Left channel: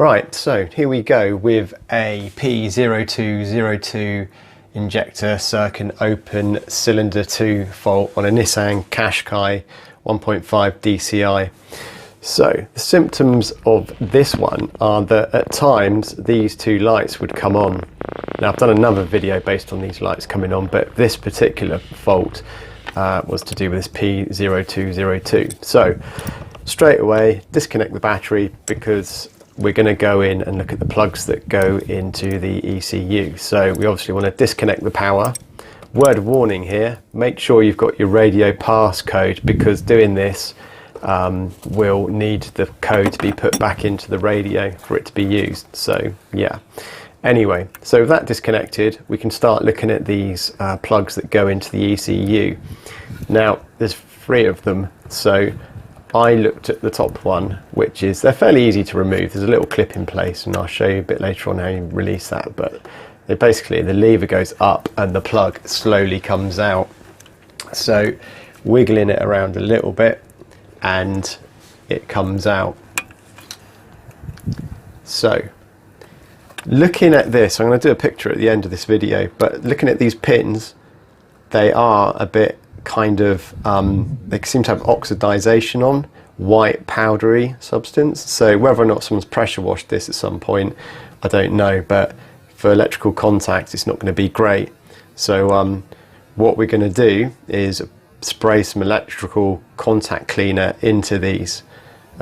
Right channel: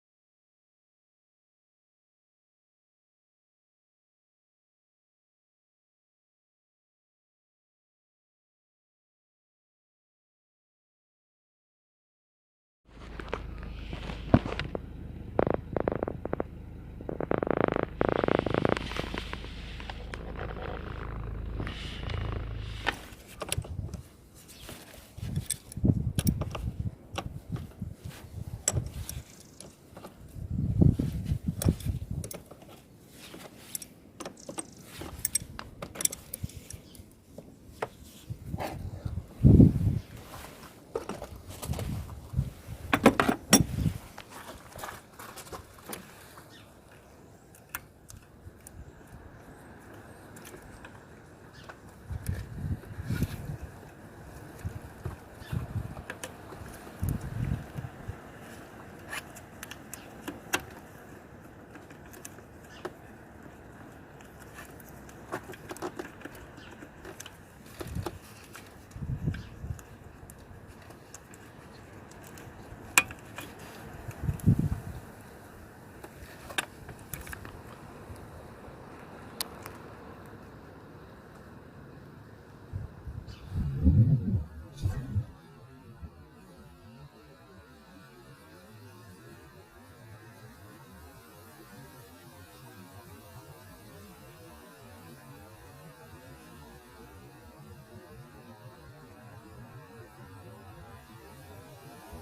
Right, so here we go with a P0202 injector circuit open cylinder 2 fault on a Nissan Qashqai 1.5 DCI. So the symptoms of this one are that at times these two lights would come on. Now I've done another video based on these lights coming on, but this particular fault was to do with this P0202. So straight away disconnect the battery, because we're going to go in and look at the plugs that go into the ECU. So we obviously want to disconnect the power. Word of warning here, make sure you've got your radio passcode, because doing this will need the code to be put back into the radio for it to be used. So yeah, anyway, so with that disconnected, we can start looking at these plugs that go into the ECU. Now there's 3 of them, so I looked at the top one, which is, they're fairly easy to remove. There's a little clip in place, and I'll show you a bit later on how you release that. But basically the lever goes up and the plug slowly comes out. So wiggling it around a little bit and it comes out. So looking at this, I'm going to do a picture at the end of this video, but looking at these pins, they are a bit kind of, they seem to have oxidization on, white powdery substance. So whether or not someone's pressure washed this at some point, I don't know, but for electrical contact it's not going to be great. So what we're going to do is spray some electrical contact cleaner into these.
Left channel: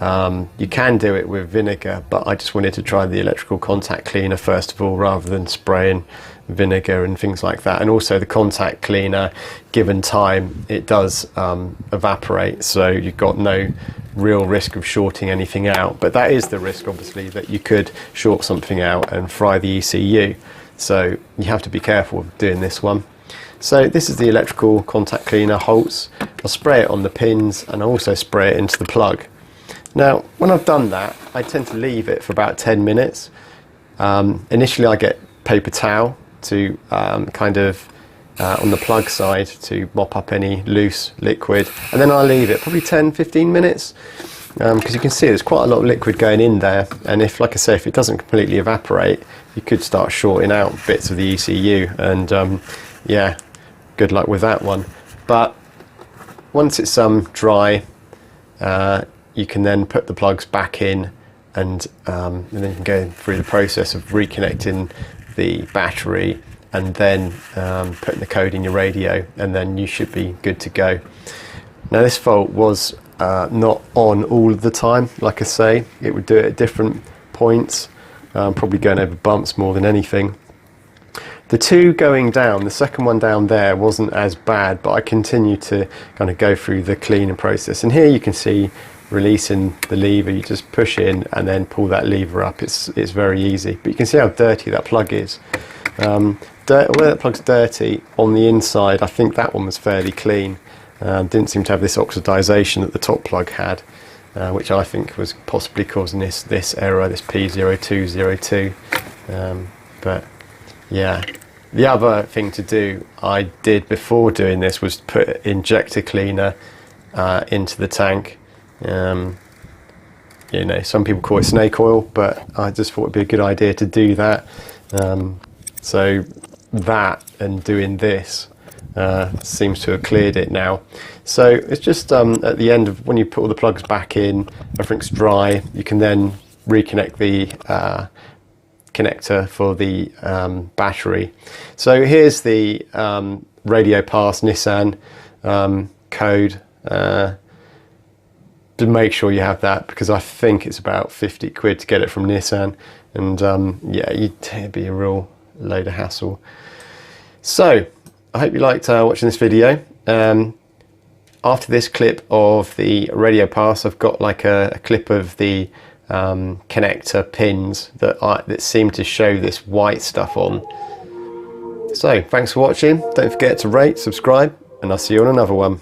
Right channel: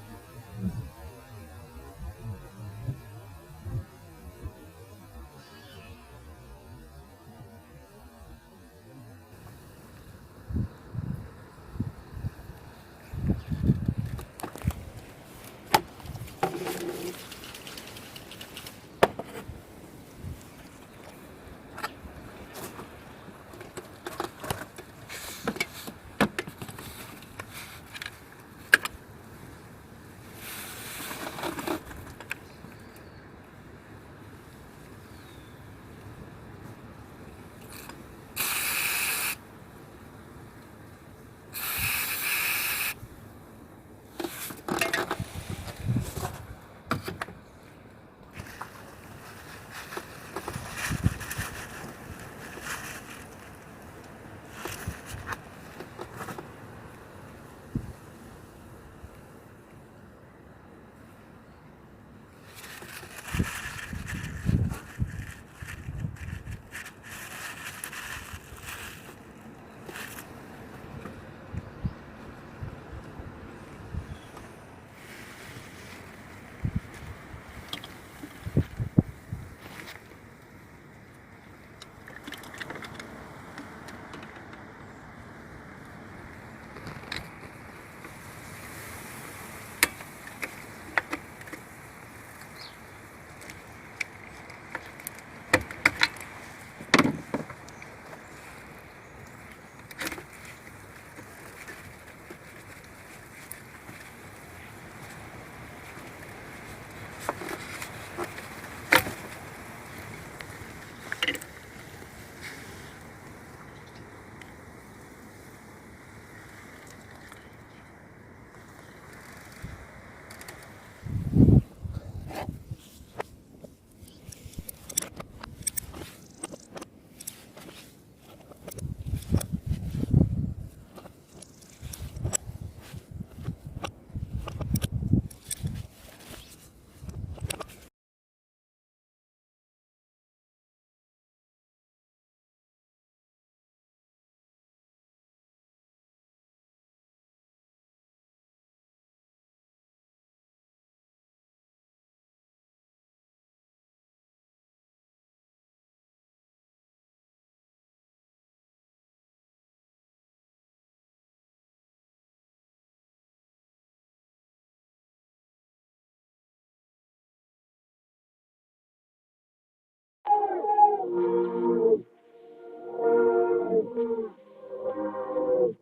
You can do it with vinegar, but I just wanted to try the electrical contact cleaner first of all, rather than spraying vinegar and things like that. And also the contact cleaner, given time, it does evaporate, so you've got no real risk of shorting anything out. But that is the risk, obviously, that you could short something out and fry the ECU. So you have to be careful doing this one. So this is the electrical contact cleaner Holtz. I'll spray it on the pins and I'll also spray it into the plug. Now when I've done that, I tend to leave it for about 10 minutes. Initially I get paper towel to kind of on the plug side to mop up any loose liquid, and then I'll leave it probably 10-15 minutes, because you can see there's quite a lot of liquid going in there, and if, like I say, if it doesn't completely evaporate, you could start shorting out bits of the ECU, and yeah, good luck with that one. But once it's dry, you can then put the plugs back in, and then you can go through the process of reconnecting the battery and then putting the code in your radio, and then you should be good to go. Now this fault was not on all of the time. Like I say, it would do it at different points, probably going over bumps more than anything. The 2 going down, the second one down there wasn't as bad, but I continued to kind of go through the cleaning process. And here you can see releasing the lever, you just push in and then pull that lever up. It's very easy, but you can see how dirty that plug is. Where that plug's dirty on the inside, I think that one was fairly clean. Didn't seem to have this oxidization that the top plug had, which I think was possibly causing this error, this P0202. But yeah, the other thing to do, I did before doing this, was put injector cleaner into the tank. You know, some people call it snake oil, but I just thought it'd be a good idea to do that. So that and doing this seems to have cleared it now. So it's just at the end of when you put all the plugs back in, everything's dry, you can then reconnect the connector for the battery. So here's the radio pass Nissan code. To make sure you have that, because I think it's about 50 quid to get it from Nissan, and yeah, it'd be a real load of hassle. So I hope you liked watching this video. After this clip of the radio pass, I've got like a clip of the connector pins that seem to show this white stuff on. So thanks for watching. Don't forget to rate, subscribe, and I'll see you on another one.